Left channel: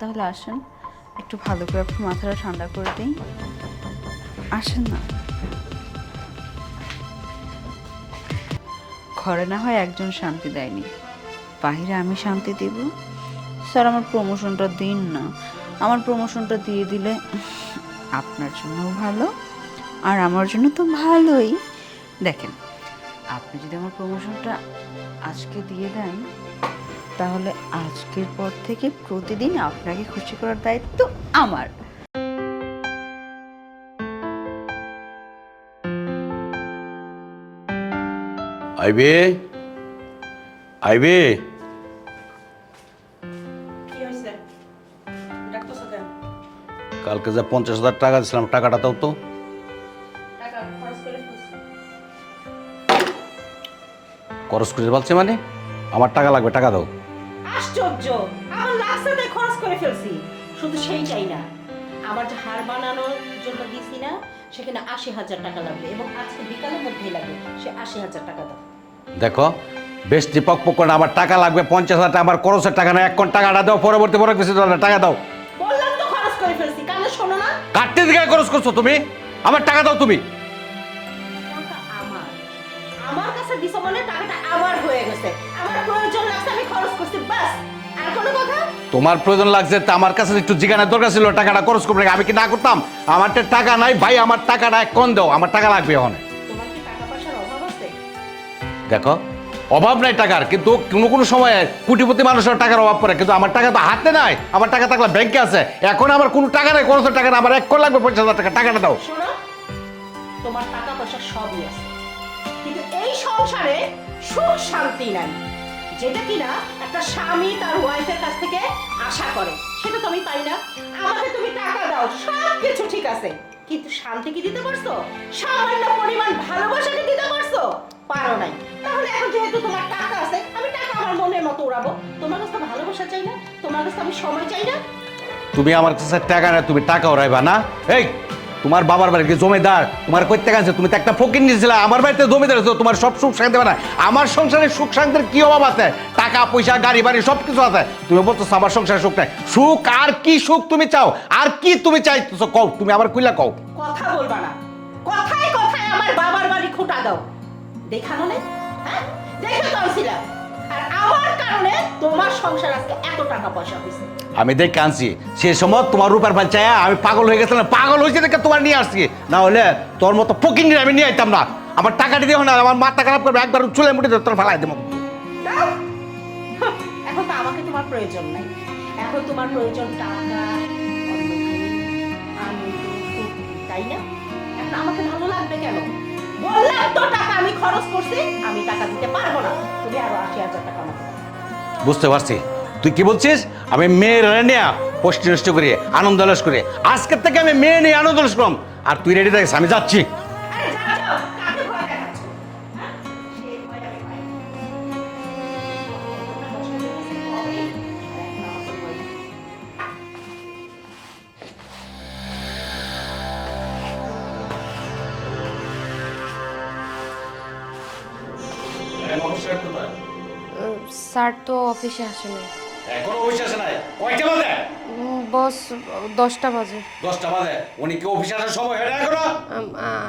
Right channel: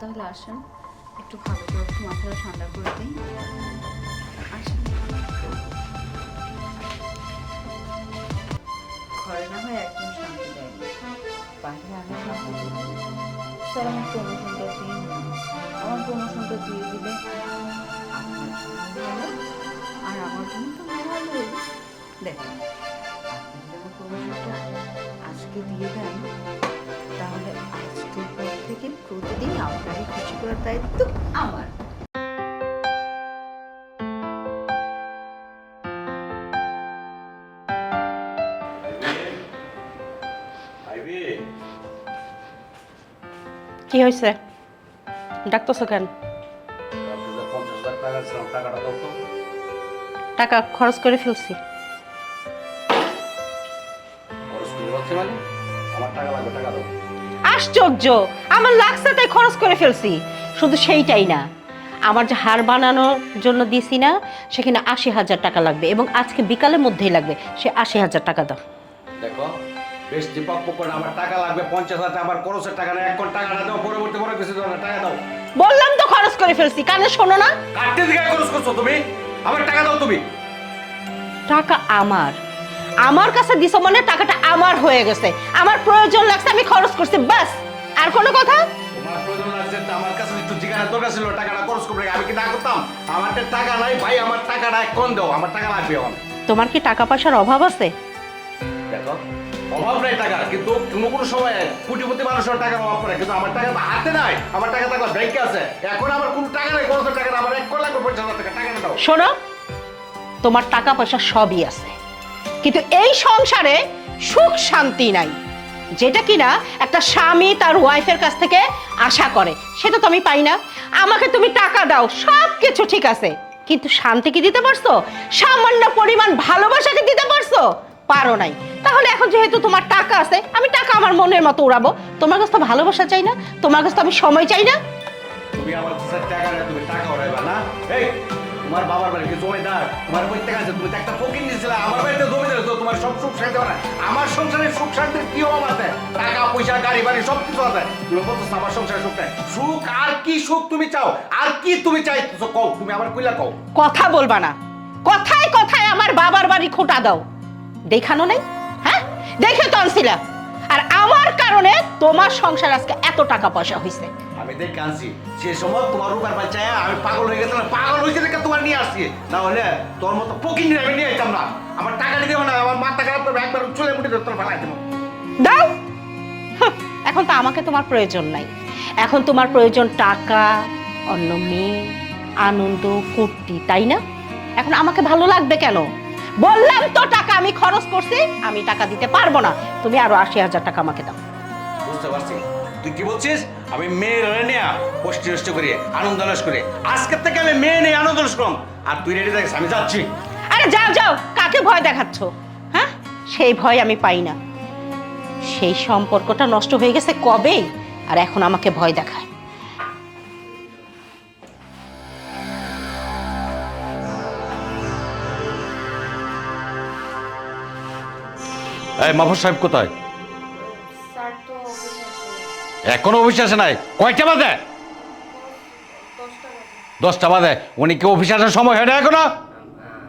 তাহলে আসেন, একটু ভালো করে আপনি মাথাটা ঠান্ডা করে দিই। আসেন না, ঘরে না হয় একজন শান্তি দেয়নি, বাহিরে আমি শান্তি দিব। স্যার আমার প্রমোশনটা দিন না, আমার প্রমোশনটা দিয়ে দিলে আপনার জন্য ভালো আর আমার জন্য তো ভালোই। দেখেন, আপনি যদি আমার প্রমোশনটা আজকে দিয়ে দেন তাহলে আজকের পর থেকে প্রতিদিন আপনাকে খুশি করার দায়িত্ব আমার। আইবে আইবে। কি হয়েছে? ডাকতেছো কেন? কালকে যে 50,000 টাকা দিয়েছিলাম, টাকাটা দাও তো। টাকা খরচ করে ফেলছি। খরচ করে বলছে মানে? আমার টাকা লাগবে, টাকা দাও। আশ্চর্য, আমার লাগছে তাই খরচ করে ফেলছি। শুধু সেইটাই না, আমার যে হার বানানোর জন্য দিছি না, সেখানে 80,000 টাকা লাগবে এবং আজকে বিকালের মধ্যেই লাগবে। সে 80,000 টাকা দাও। দেখো, বেশ দীপক পকড়, আমার টাকা লাগবে 50,000 টাকা। আমার খরচের টাকা না, এখন টাকাটা দাও, পরবর্তী পরে কিছু টাকা দাও। বললাম তো খরচ করে ফেলছি, কানে শোনো না? কাটতে দিকে খরচ করছো তুমি, আমার টাকা দাও তুমি। টাকা আমার কাছে দিছো মানে টাকাটা আমার হয়ে গেছে। আমার প্রয়োজন লাগছে, আমি খরচ করছি, বাস। আর কোনো কথা? তোমার প্রয়োজন লাগছে তা আমার কাছে একটু জিজ্ঞাসার দরকার ছিল, টাকাটা খরচ করবে, আমি কি না করতাম? আমার তো টাকা নাই ভাই, আমার টাকাটা এখন দাও, আমার টাকা লাগবে এখন। তোমার কি টাকা পয়সার অভাব আছে? দেখো, অভাব নাই টাকার, কিন্তু কোনো কোনো সময় কোটিপতি মানুষের টাকার অভাব পড়ে, কিন্তু আমার টাকা তো হাতে নাই। আমার টাকা থাকলে ব্যাংকে আছে, এখন আমার কোনো টাকা নাই, কোনো টাকা নাই, আমার এখন লাগবে 50,000 টাকা, টাকাটা দাও। শোনো, তোমার টাকা পয়সা সবই আছে, কিন্তু এই সংসারে সুখ শান্তি নাই, যেটা কিনা একটা স্বামী তার ওয়াইফের কাছ থেকে আশা করে, সেটা তো আমি পাই না। আমাকে তুমি টাকা দাও, সব কিছু ঠিক আছে, কিন্তু শান্তি কি দিতে পারছো? সামান্য পরিমাণ ভালোবাসা কি দিতে পারছো? পারো নাই। তাহলে এখন যেহেতু তোমার টাকা আছে, আমি টাকা আমার মনের মতো উড়াবো। তোমার কাছে তো ভালোবাসা চাই না, তোমার কাছে তো আমি সময় চাই না। তুমি আমার কাছে টাকা নাই, তুমি টাকা ওরাইবা না? এই, তোমার বাবার বাড়ি কি জমিদার? তোমার কই টাকা আছে? তুমি তো একটা ফকির নিয়েছিলে, আমার বাড়িতে জমিদার আছে, তোমার সব সুখ শান্তি দেবে না। আমার সংসারে সুখ শান্তির কি অভাব আছে? টাকা পয়সা গাড়ি বাড়ি সব কিছু আছে, তুমি বলছো আমার সংসারে সুখ নাই। সুখ আর কি সুখ তুমি চাও? আর কি তুমি চাইতেছো কও, তুমি আবার কইলা কও। কথা বলবা না, কথায় কথায় আমার বাবার বাড়ি খোটা দাও। দেখানো নেই? হ্যাঁ, দেখে তো আনছিলা। আর আমার কারণে তোমার সংসার আজকে এত টাকা পয়সা হইছে। আমি দেখ কাঁদছি, সে সময় তোমার রূপার বাচ্চায় আমি পাগল হয়ে গেছিলাম, পাগল হয়েছে দেখে তোমার নিয়ে আসছি, না হলে তোর মতো ফকির আমি নিয়ে আইতাম না। আমার টাকাটা দিও না, আমার মাথা খারাপ করবে, একবার চুলে মুঠে তোর ফেলাই দেবো। দাও। হাহ, এখন তো আমাকে তোমার প্রয়োজন নাই, এখন তোমার প্রয়োজন টাকা, অন্য মেয়ে, আনন্দ, ফুর্তি, তাই না? এখন আমাকে ভালো লাগবে কেন? বললাম তো টাকা আমি খরচ করছি, আমি টাকা দিতে পারবো না। তুমি আরো 80,000 টাকা আমাকে দাও। বুঝতে পারছি তুই কি বলছিস। আমি মেয়ের নিয়ে কষ্ট নষ্ট করি, আনন্দ লাস করি, আজকের থেকে আমি মেয়ে নিয়ে আনন্দ লাস করলাম। আর তুই রেডি থাকিস, আমি যাচ্ছি। আরে যাও যাও, কাকে ভয় দেখাচ্ছ? হ্যাঁ, সেই ভয় আমি পাই না। সেই সম্পর্কটা নষ্ট হয়ে গেছে কবে, আর এখন আমাকে ভয় দেখায়। এই মাহফুজ সাহেব কোথায়? স্যার তো অফিসে আসেনি। এখনো অফিসে আসে নাই? কয়টা বাজে? বস 10টা বাজে। 10টা বাজে। উনি কি অফিসে আসার সময় হয় না এখনো?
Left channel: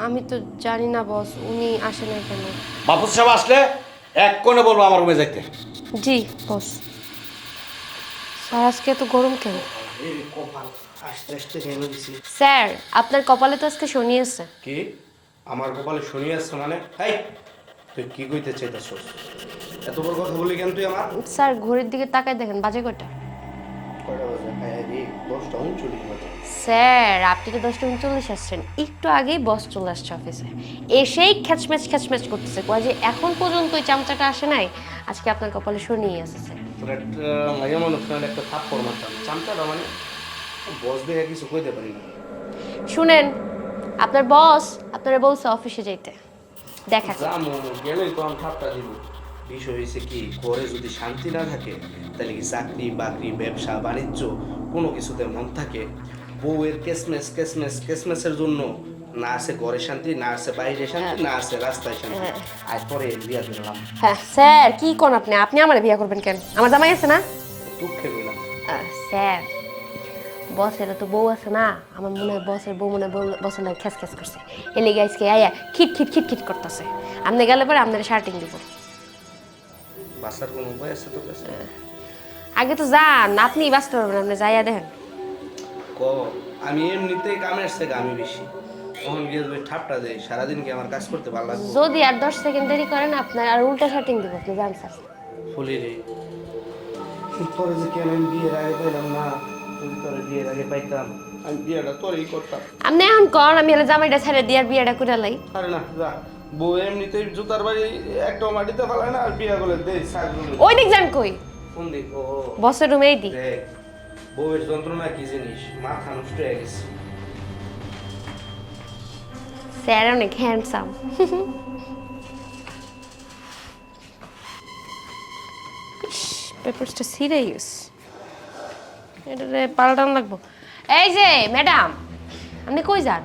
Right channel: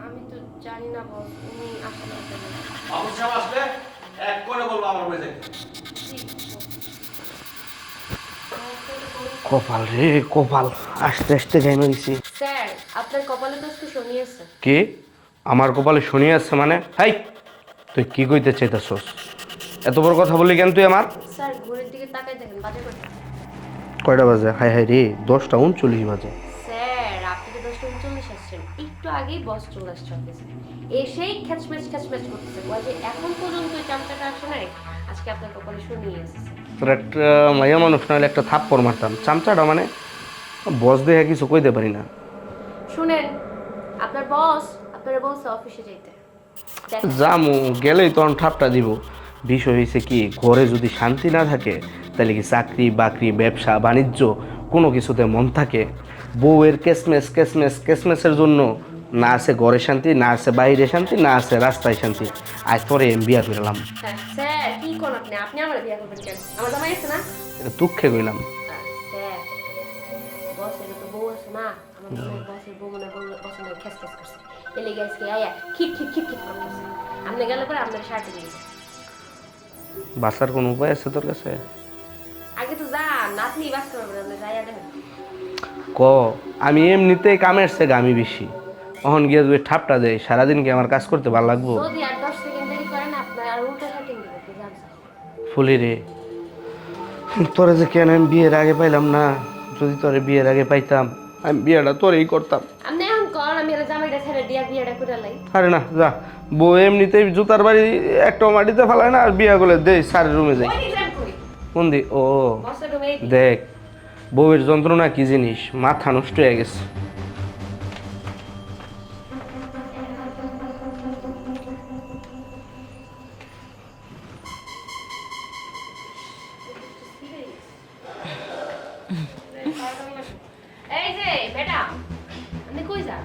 আমি তো জানি না বস, উনি আসেন না কেন। মাহফুজ সাহেব আসলে এক কোণে বলবো আমার রুমে যাইতে। জি বস। স্যার আজকে এত গরম কেন? কপাল রে কপাল, আস্তে আস্তে ঘেমে গেছি। স্যার আপনার কপালে তো আজকে শনি আছে। কি আমার কপালে শনি আছে মানে? হাই, তুই কি কইতে চাইতাছস? এত বড় কথা বলি কেন তুই আমার? স্যার ঘড়ির দিকে তাকায় দেখেন, বাজে কয়টা? কয়টা বাজে? হাই হাই রে, 10টা 39 বাজে। স্যার আপনি তো 10টা 39 আসছেন, একটু আগেই বস চলে আসছে অফিসে, এসেই খ্যাচম্যাচ করতেছে, কয় যে এখন পর্যন্ত ওই চামচাটা আসে নাই, আজকে আপনার কপালে শনি এসেছে। তোর একটা মাইয়া মানুষ নাহলে একটা থাপ্পড় মারতাম। চামচাটা মানে বস দেখে কিছু কইতে পারি না। শুনেন, আপনার বস আপনারা বলছে অফিসে যাইতে, দেখেন। জামু গেলেই তখন ঠাপটা দিব। বিষয় হয়েছে কি, ঘরে যদি শান্তি না থাকে তাহলে কি চাকরি বাকরি ব্যবসা বাণিজ্য কোনো কিছুতে মন থাকে? বউয়ের কেসমেসের জন্য না আছে ঘরে শান্তি, না আছে বাইরে শান্তি, না আছে রাস্তায় শান্তি। আজ পরে বিয়া ফিরলাম। হ্যাঁ স্যার, কি কোন আপনি আমার বিয়ে করবেন কেন? আমার জামাই আছে না? এটা দুঃখে কইলাম। স্যার বসের তো বউ আছে না, আমার মনে হয় বসের বউ মনে হয় বসের নয় খ্যাস খ্যাস করছে, এলে গাইসকে আয়া খিট খিট খিট খিট করতেছে। আপনি গেলে পরে আপনার শার্টিং দিব। বাসার কোনো উপায় আছে তোর কাছে? আগে তো যান, আপনি ব্যস্ত হবেন, আপনি যাইয়া দেখেন। ক আমি এমনিতেই কামের থেকে আমি বেশি, তখন গিয়ে যদি ঠাপটা দেয় সারাদিন কি আমার কাজ করতে ভালো লাগবো? যদি আর 10 সেকেন্ড দেরি করেন আপনার আর উল্টা শার্টিং দিব, আপনি যান স্যার। ফুলি রে, তোরা যে কেন আমি বিয়ের আগে পাইলাম না? যদি তোরে বিয়ের আগে পাইতাম আমি বিয়েটা তোরেই করতাম। আপনি এখন কর, আমি হলে জামাইটা ছেড়ে দিয়ে আর বিয়েটা করে লাই। আরে না যা, বউ এমনিতেই জুতার বাড়ি একটাও মাটিতে ফেলায় না, আর বিয়া করলে দে সারের রুমে ওই যাই। দিক যান কই? কোন দি? ও বসের রুমে এই দিক। দেখ, বউয়ের যন্ত্রণা কি জিনিস, মাথা নষ্ট হয়ে গেছে। স্যার অনেক হ্যান্ডসাম। পেপারসটা সিরিয়াস, এটা পাল্টান লাগবো। এই যে ম্যাডাম, আপনি কই যান?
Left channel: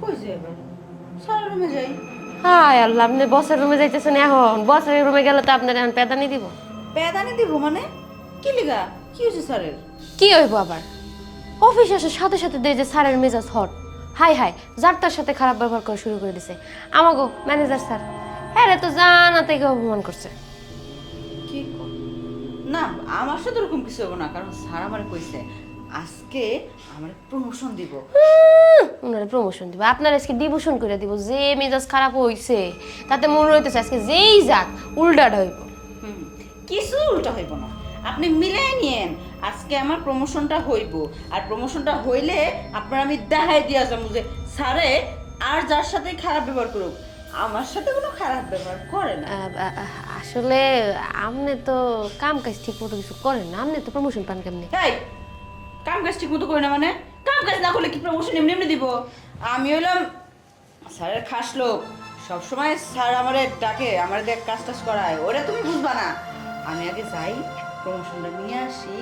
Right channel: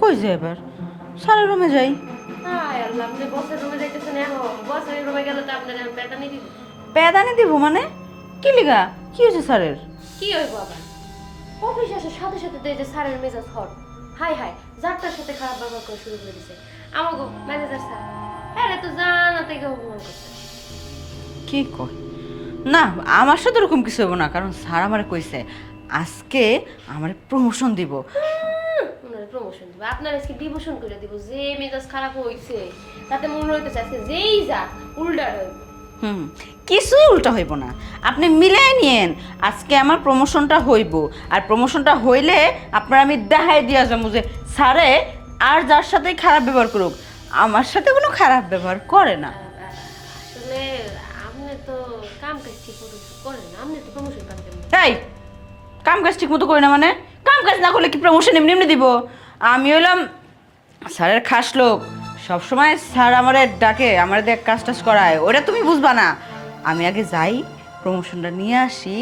কই যে এবার স্যারের রুমে যাই। হায় আল্লাহ, আপনি বসের রুমে যাইতেছেন এখন? বসের রুমে গেলে তো আপনার এখন পেদানি দিব। পেদানি দিব মানে? কি লিগা? কি হয়েছে স্যারের? কি হইব আবার? অফিস আসার সাথে সাথে দেখে যে স্যারের মেজাজ হট, হাই হাই যার তার সাথে খারাপ ব্যবহার করা শুরু করে দিছে। আমাগো ম্যানেজার স্যার, হ্যাঁ তো জানা থেকে অপমান করছে। কি কয়? না, আমার সাথে এরকম কিছু হবে না, কারণ স্যার আমারে কইছে আজকে আমার প্রমোশন দিব। ওনারা প্রমোশন দিব, আপনার আজকে ডিভোশন করে দিব। যে মেজাজ খারাপ হইছে তাতে মনে হইতেছে আজকে যেই যাক উল্টাটা হইব। কিছুই উল্টা হইব না, আপনি মিলাই নিয়েন। আজকে আমার প্রমোশনটা হইব, আর প্রমোশনটা হইলে আপনার আমি দেখাই দিয়া যাবো যে স্যারে আর যার সাথে খারাপ ব্যবহার করুক, আমার সাথে কোনো খারাপ ব্যবহার করে না। আসলে আপনি তো কাম কাজ ঠিক মতো কিছু করেন না, আপনি তো প্রমোশন পান কেমনি? এই কাম কাজ ঠিক মতো করি না মানে? কাম কাজ না করলে কি প্রমোশন এমনি এমনি দিব? আমি হইলাম স্যারের খাস লোক, সবসময় স্যার আমারে ডাকে, আমার দিয়ে কাজ টাজ করায়, ওটা তুমি বুঝবা না। আমি আগে যাই, প্রমোশনটা নিয়ে আসি,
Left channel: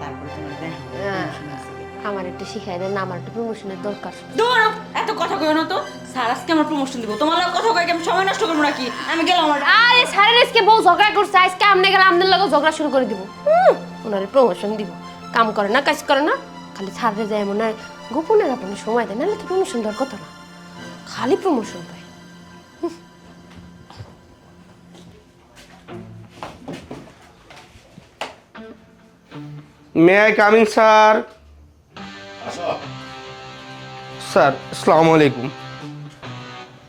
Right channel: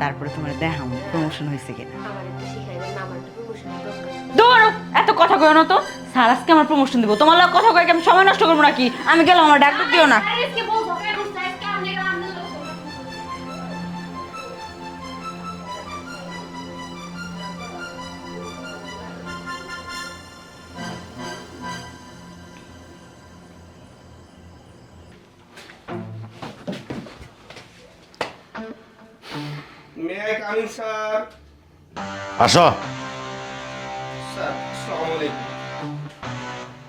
তারপরে তোমার দেখাবো প্রমোশন হয়েছে কিনা। আমার একটু শিখাই দেন, আমার একটু প্রমোশনের দরকার। ধরো এত কথা কয় না তো, স্যার আজকে আমার প্রমোশন দিব, তোমার লোক কথা কয় কি আমি সময় নষ্ট করবো নাকি? আমি গেলাম, আমার ডাক দিও না। স্যারের আজকে বউ ঝগড়া করছে, আজকে আপনি গেলে আপনার লোক ঝগড়া শুরু করে দিব। ওনারে প্রমোশন দিব, কাম করে না কাজ করে না, খালি ছাড়তে যায় মনে হয় গোপনে গোপনে সময় দেয়, নাহলে তো প্রমোশন দেওয়ার কথা না, খালি প্রমোশন পায়। May I coming sir? আসো। স্যার আসসালামু আলাইকুম।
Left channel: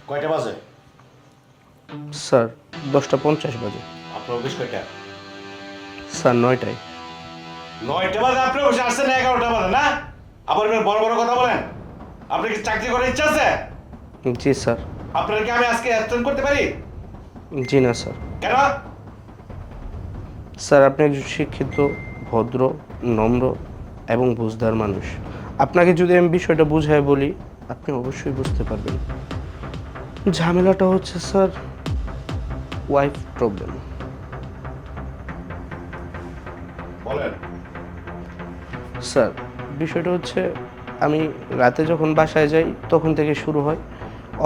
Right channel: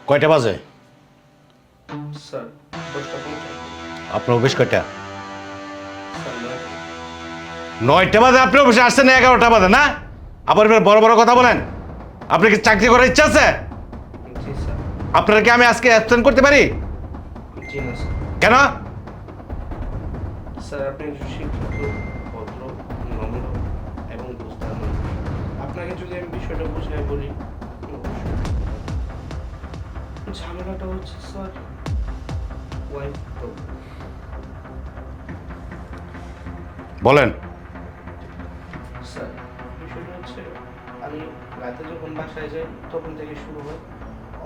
কয়টা বাজে? স্যার 10:50 বাজে। আপনার অফিস কয়টা? স্যার 9টায়। 9টা বাজে আপনি অফিসে আসছেন, 11টা বাজে না? আবার এবার বড় বড় কথা বলেন। আপনি কি চাকরি করার ইচ্ছা আছে? জি স্যার। আপনার কি আমি আজকে অ্যাবসেন্ট করতে পারি? জি না স্যার। কেন? স্যার আপনি একজন শিক্ষিত, ভদ্র, নম্র এবং বুঝদার মানুষ। আপনাকে যদি আমি বিষয়টা বুঝাই বলি আপনি অবশ্যই বুঝতে পারবেন। ঝামেলাটা হচ্ছে স্যার ওয়াইফ প্রবলেম। বলেন। স্যার বিষয়টা হচ্ছে আমি রাতে যখন বাসায় যাই তখন থেকে শুরু হয়,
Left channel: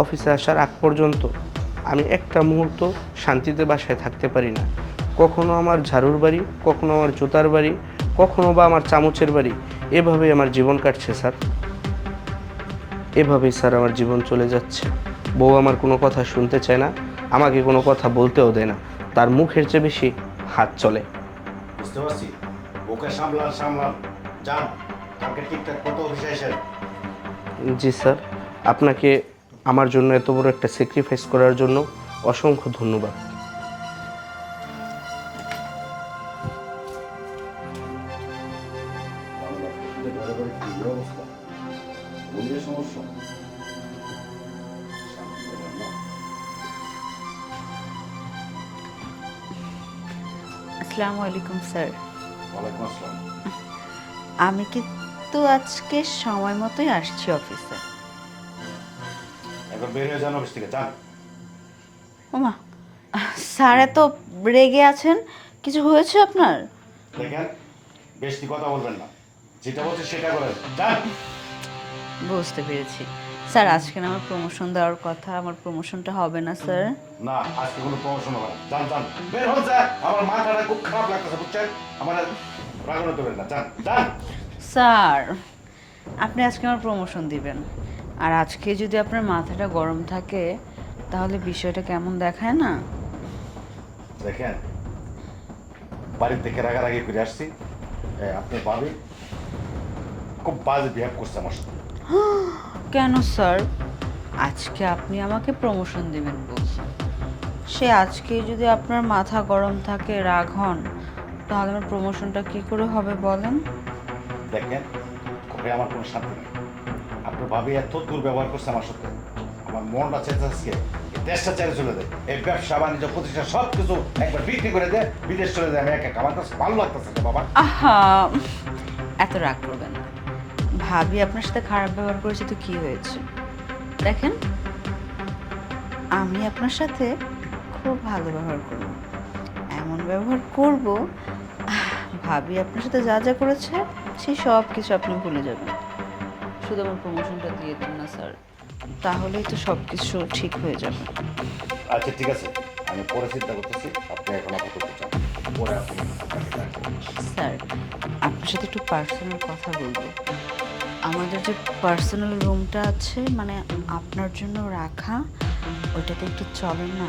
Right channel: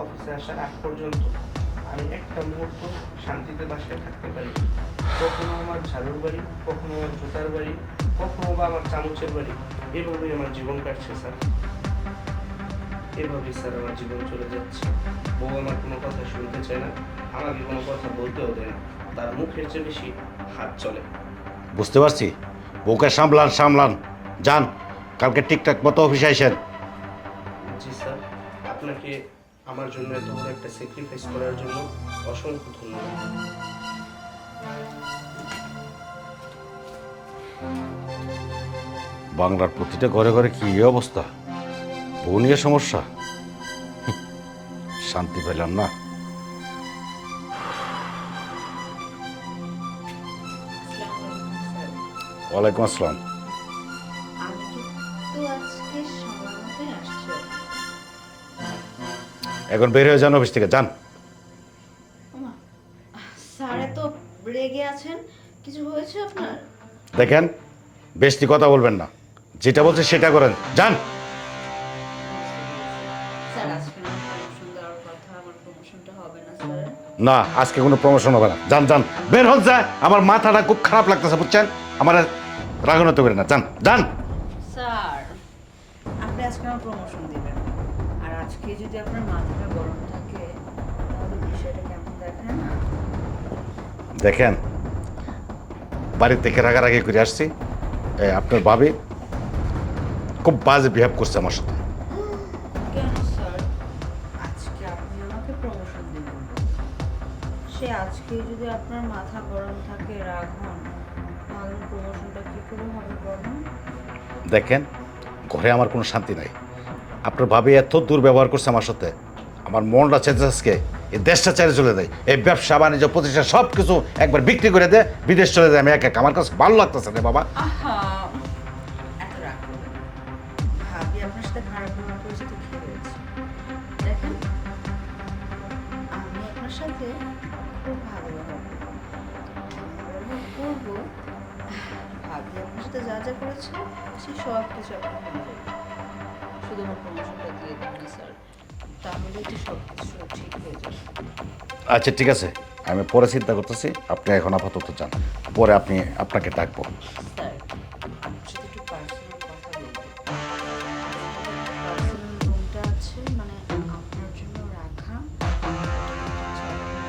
অফিসে আসার আগ পর্যন্ত আমি একটা মুহূর্ত শান্তিতে বাসায় থাকতে পারি না। কখনো আমার ঝাড়ুর বাড়ি, কখনো আমার জুতার বাড়ি, কখনো বা আমার চামচের বাড়ি, এভাবেই আমার জীবন কাটছে স্যার। এভাবেই স্যার আমার জীবন চলে যাচ্ছে। বউ আমার কোনো কথা শুনতে চায় না, আমাকে কোনো কথা বলতেও দেয় না, তার মুখের চেয়ে বেশি হাত চলে। বুঝতে পারছি, বউকে সামলান সামলান, যান কালকে ঠিকঠাক মতো অফিসে আসেন। জি স্যার, আপনাকে আমার জন্য এত বড় একটা স্যাক্রিফাইস করার জন্য অসংখ্য ধন্যবাদ। বাংলার প্রতিটা ঘরে ঘরে কি অবস্থা, বউ নিয়ে সমস্যা, শান্তি পেলাম না। আসসালামু আলাইকুম স্যার। ওয়ালাইকুম আসসালাম। আমি কিন্তু আজকে সময় মতোই আসছি অফিসে। এখন বের হয়ে যান অফিস থেকে, যান। ওমা, স্যার এত রেগে আছেন, কিছু হয়েছে আপনার? দেখেন, বেশি কথা বলবেন না, যেটা বলছে সেটা করেন, যান। বুঝতে পেরেছি স্যার, আজকে না আমার প্রমোশন দেওয়ার কথা, আমার প্রমোশনটা হবে না স্যার। না, আজকে কোনো প্রমোশন হবে না, যান যান, বের হন যায়। আমার মাথাটা খুব খারাপ লাগতেছে বুঝছেন, আমার রাগানো তো বের না, যান যান। স্যার, আপনি আজকে আমার প্রমোশন দিবেন, আর আজকে যদি আপনার মাথাটা গরম থাকে তাহলে বিষয়টা কেমন দেখায় না? দেখেন, বাড়ি থেকে রাগারাগি করে আসছি, আপনার ভাবি খুব বাজে বিহেভ করছে আমার সাথে। কেন স্যার? আজকে আপনি আমাকে প্রমোশন দিবেন বলছেন, সে আজকেই যদি আপনার মাথা গরম থাকে, রাগ হন, তাহলে আমার প্রমোশনটা কি করে হবে বলেন? দেখেন, ঘরে আমার কোনো শান্তি নাই। আপনার ভাবি এত দুর্ব্যবহার করছে আমার সাথে, আমার মনটা চেয়েছে আজকে এই দেশটা ছেড়ে চলে দেয়, এই ব্যবসা বাণিজ্য প্রতিষ্ঠান সব কিছু একবার বিক্রি করে দেয়, বিদেশ চলে যায়। আমি আমার কাছে ভালো লাগতেছে না বাবা। আহা, এত রাগ করবেন না। ভাবি আপনার সাথে খারাপ ব্যবহার করেছে তো কি হয়েছে? দেখেন, আমি আপনার সাথে খুব ভালো ব্যবহার করব, এমন ব্যবহার করব ভাবি আপনার সাথে যা যা করেছে সেই সব কিছু আপনি ভুলে যাবেন। শুধু আমার প্রমোশনটা দিয়ে দেন না স্যার, তাহলেই তো সব কিছু ঠিক হয়ে যাবে। আচ্ছা ঠিক আছে, আমি পরে চিন্তা করতেছি, আপনি এখন আপাতত যান, পরে আপনাকে ডাকবো। স্যার, আপনার সাথে একটু পার্সোনাল কথা বলবো। আমাদের যে পার্সোনাল রুমটা আছে, মানে আপনার জন্য রাখা, ওটা তো একটু চলে না?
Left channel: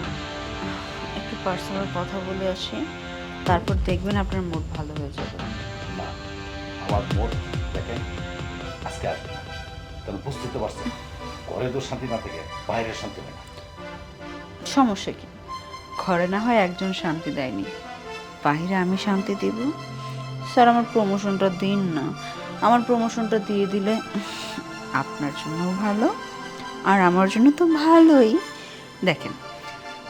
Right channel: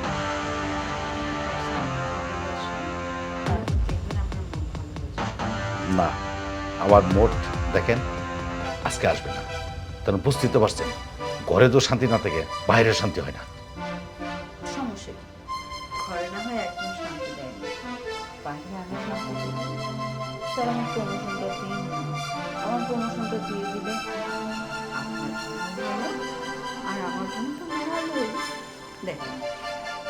একটু পার্সোনাল কথা বলে আসি, তারপর দেখবেন আপনার মুড ভালো হয়ে যাবে। না, আমার মোট দেখেন আজকে আসবে না, কারণ বুঝতেই তো পারছেন, ঘরে তো শান্তি না থেকে বাইরে শান্তি হয় না। সমস্যা কি? ঘরে না হয় একজন শান্তি দেয়নি, বাইরে আমি শান্তি দিব? স্যার, আমার প্রমোশনটা দিন না। আমার প্রমোশনটা দিয়ে দিলে আপনার জন্য ভালো, আর আমার জন্য তো ভালোই। দেখেন,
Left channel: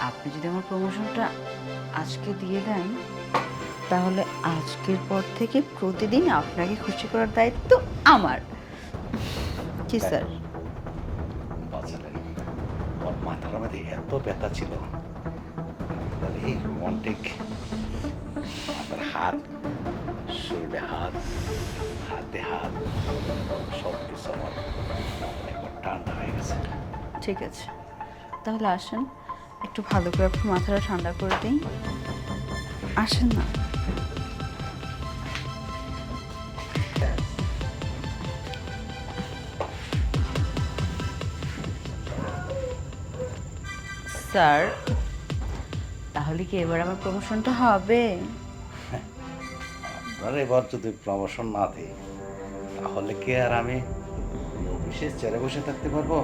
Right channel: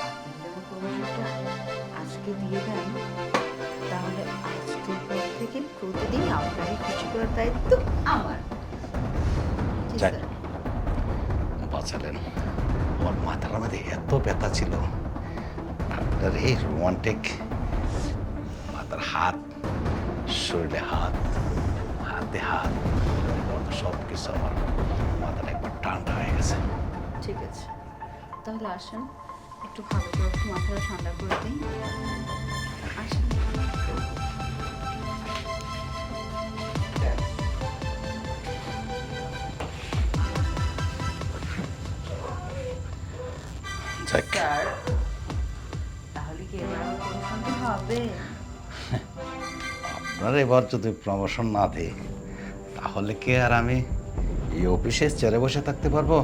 আপনি যদি আমার প্রমোশনটা আজকে দিয়ে দেন, তাহলে আজকের পর থেকে প্রতিদিন আপনাকে খুশি করার দায়িত্ব আমার। জি যাক। স্যার। বাঁচালেন, ওর মাথার মধ্যে এত ব্যথা ছিল, আপনার এই রোমান্টিক মাথার হাত, শরীরে হাত, হাতে হাত, সব কিছু আমার মাথাটা একবার ঠান্ডা হয়ে গেছে। ঠিক আছে, তাহলে আসেন, একটু ভালো করে আপনি মাথাটা ঠান্ডা করে দিন। আসেন না। যাক, স্যার, তাহলে কি এবার আমার প্রমোশনটা হবে? আপনার এবার যদি প্রমোশন না দিই, তাহলে কি আর আমি এই অফিসে চেয়ারে বসে থাকতে পারবো?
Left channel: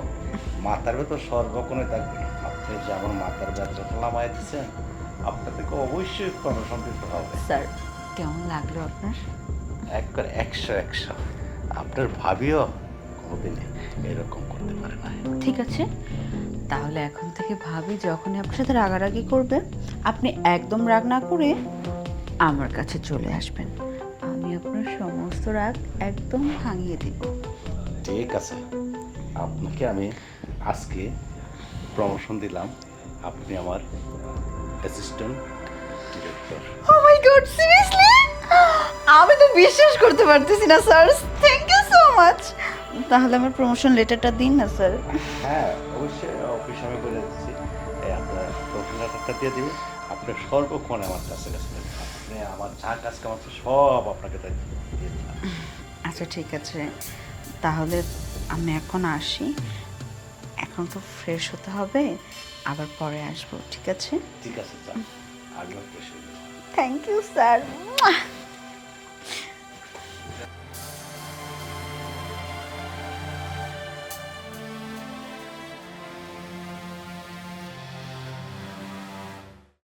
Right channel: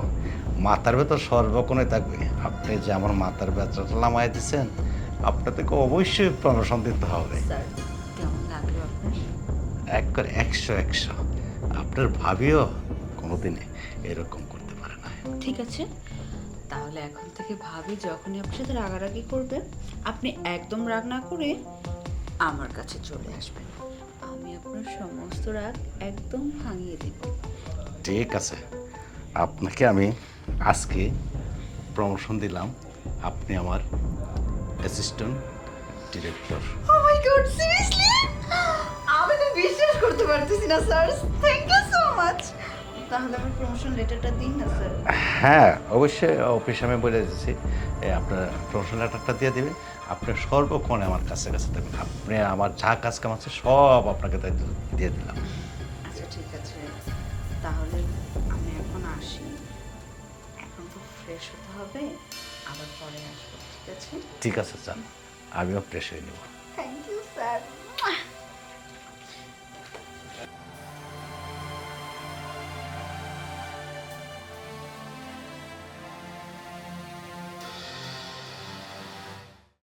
মাথার ভেতর সর্বক্ষণে থাকবে। আপনি যে আমার মাথার ব্যথাটা নামাই দিচ্ছেন, আপনাদেরকে অবশ্যই প্রমোশন দিতে হবে। স্যার, কেমন লাগলো আপনার? একবার 100 আপনার ভাবিও কোনোদিনে এরকম করতে পারে না। ঠিক আছে, তাহলে এখন থেকে ভাবি যখনই আপনার সাথে রাগারাগি করবেন, আপনি একদম রাগ না করে আমার কাছে চলে আসবেন। আমি আপনার সমস্ত রাগ একদম ভাঙিয়ে দিব। ঠিক আছে, আপনাকে আমি আজকে প্রমোশন দিলাম, আপনি আমার assistant director. Oh my god, seriously? আমি তো বিশ্বাস করতে পারতেছি না sir. Thank you so much. তাহলে আমার প্রমোশন লেটারটা দিন না স্যার। হ্যাঁ, অবশ্যই অফিসে আমি বলে দিচ্ছি, আপনার প্রমোশন লেটারটা দিয়ে দেবেন। আপনার সর্বক্ষণ আমার কাছে দেবেন, আপনি আমার যা কাজ কাম আছে সব আপনাকে দিয়ে দিলাম। আচ্ছা ঠিক আছে, তাহলে আমি এখন আসি। এখন তো ফ্রেশ হতে হবে, আবার পরে আসবো, ঠিক আছে? ঠিক আছে, যান, আমিও ফ্রেশ হয়ে নেব। Thank you sir.